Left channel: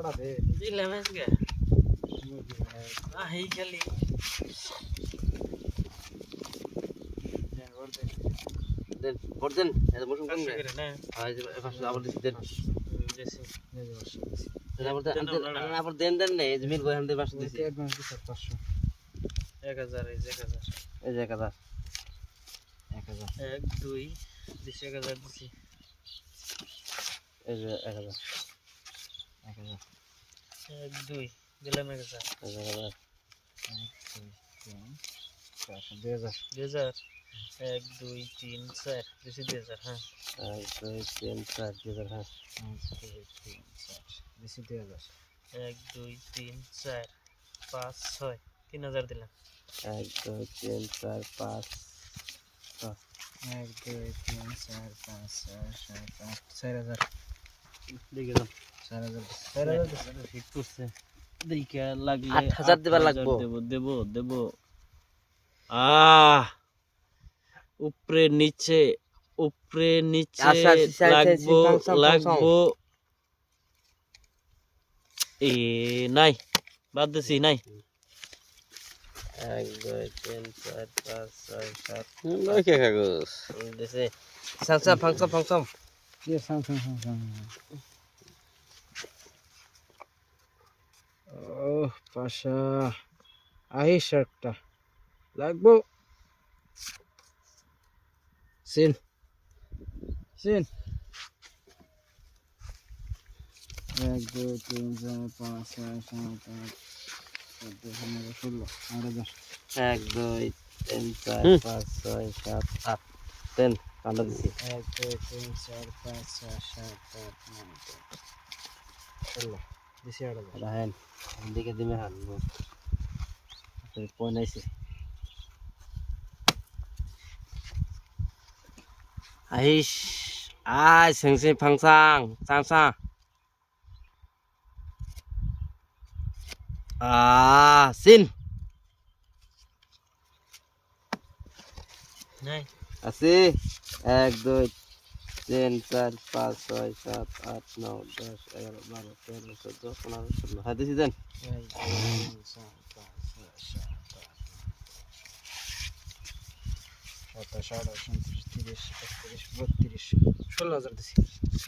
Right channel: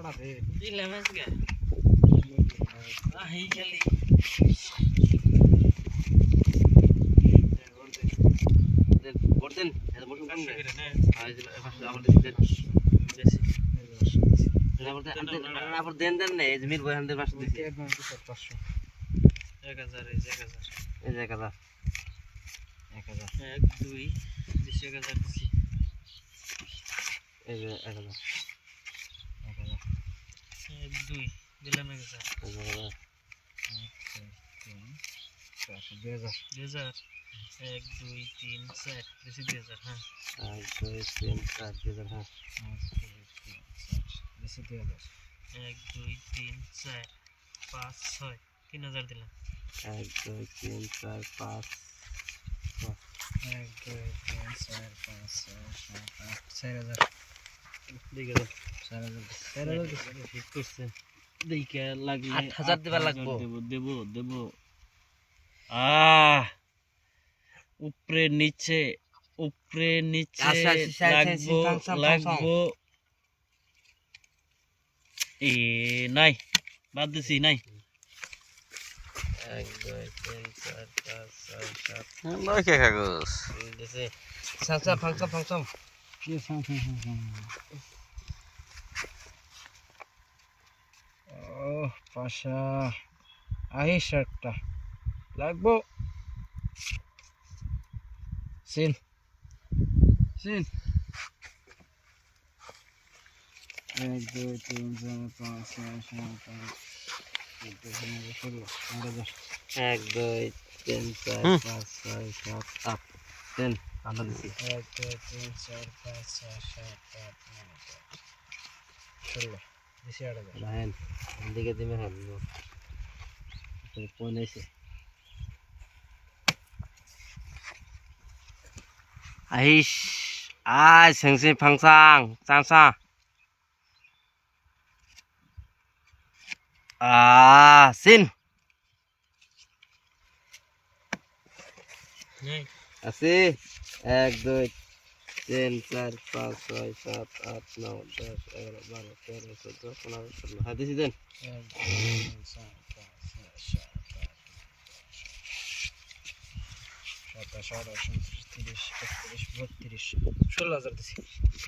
লড়া দে দিলে ম্যাচ গে হেই খেলি দেন ভোট দেন এত বসুন কেন রে আজ ফার্স্ট আবার দেন জেসি আবার দেন দেন না এই মিল বই হামদের পাঁচশো দিছি 1000 1000 এই যে 1000 এই যে 1000 1 2 দিছি 1000 দিছি এই যে 1000 1 2 দিলাম 1000 2000 1 2 3 4 দিছি 2000 হ্যাঁ 1 2 3 4 2000 হ্যাঁ 1 2 3 4 5 6 3000 দিলাম 1 2 3 4 5 1 2 3 4 5 6 7 8 4000 দেখে দাও 4000 ঠিক করছে দেখে লাগলে 8000 দিবা লাগবো দেব উপরে নিচে লাগবো এ নাই বাদ দিছি নাই 1 2 3 4 5 6 7 নয় কে কাগজ দিছে সামসা ফাংশন কি সাম ও পাশা আই শার্টটা লাগবো সিন 1 2 3 4 5 6 7 8 16 1 2 3 4 5 6 7 8 10 কান্ডা দিছি 1 2 3 4 5 6 7 8 9 10 16 দিছি আর রাহেন দিকে দিমে হান পয় নাইছে আইস আই সেংসে ফাংসাং চাংসা সিন নাই আছে 1 2 3 4 5 6 7 8 9 10 11 12 13 14 15 16 হ্যাঁ দিছি দেন 16,000 দিছি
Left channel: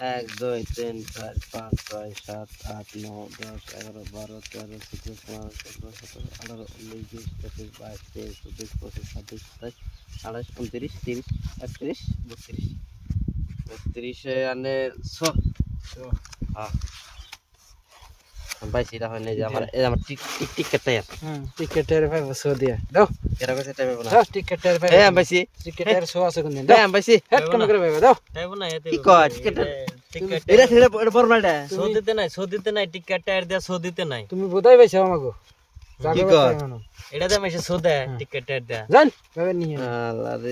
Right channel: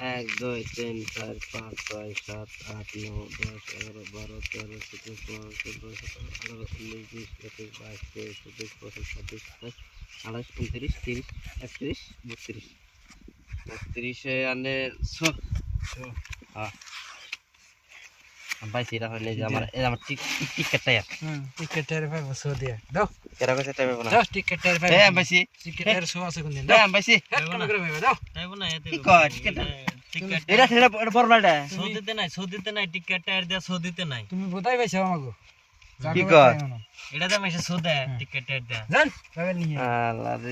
1 2 3 4 5 6 7 8 9 10 11 12 13 14 15 16 17 18 19 20 21 22 23 24 25 26 27 28 29 30 31 32 আনে 100 হ্যাঁ ভাই সেটা হয় না যে আমার এই আমার টিকেটটা यार টিকেটের 500 দিয়া দাও কেরা কইছে টাইমে বনা দাও টিকেটের এই আমি ভাইছি টিকেটের 100 আছে কোন দিন এই আমি ভাইছি হেড কোন করে ভাই দাও তাইবো না এতে কি কয় টিকেট টিকেট এটা ফরমালটা সৌদিতে নাই টিকেট টায়ার দিয়া সৌদিতে নাই তুমি বোধাই পাইছো আমাগো কি কয় এটা দাম এসে সৌদা টিকেট টায়ার দিয়া জান ভাবে নিয়ে আল্লাহ রে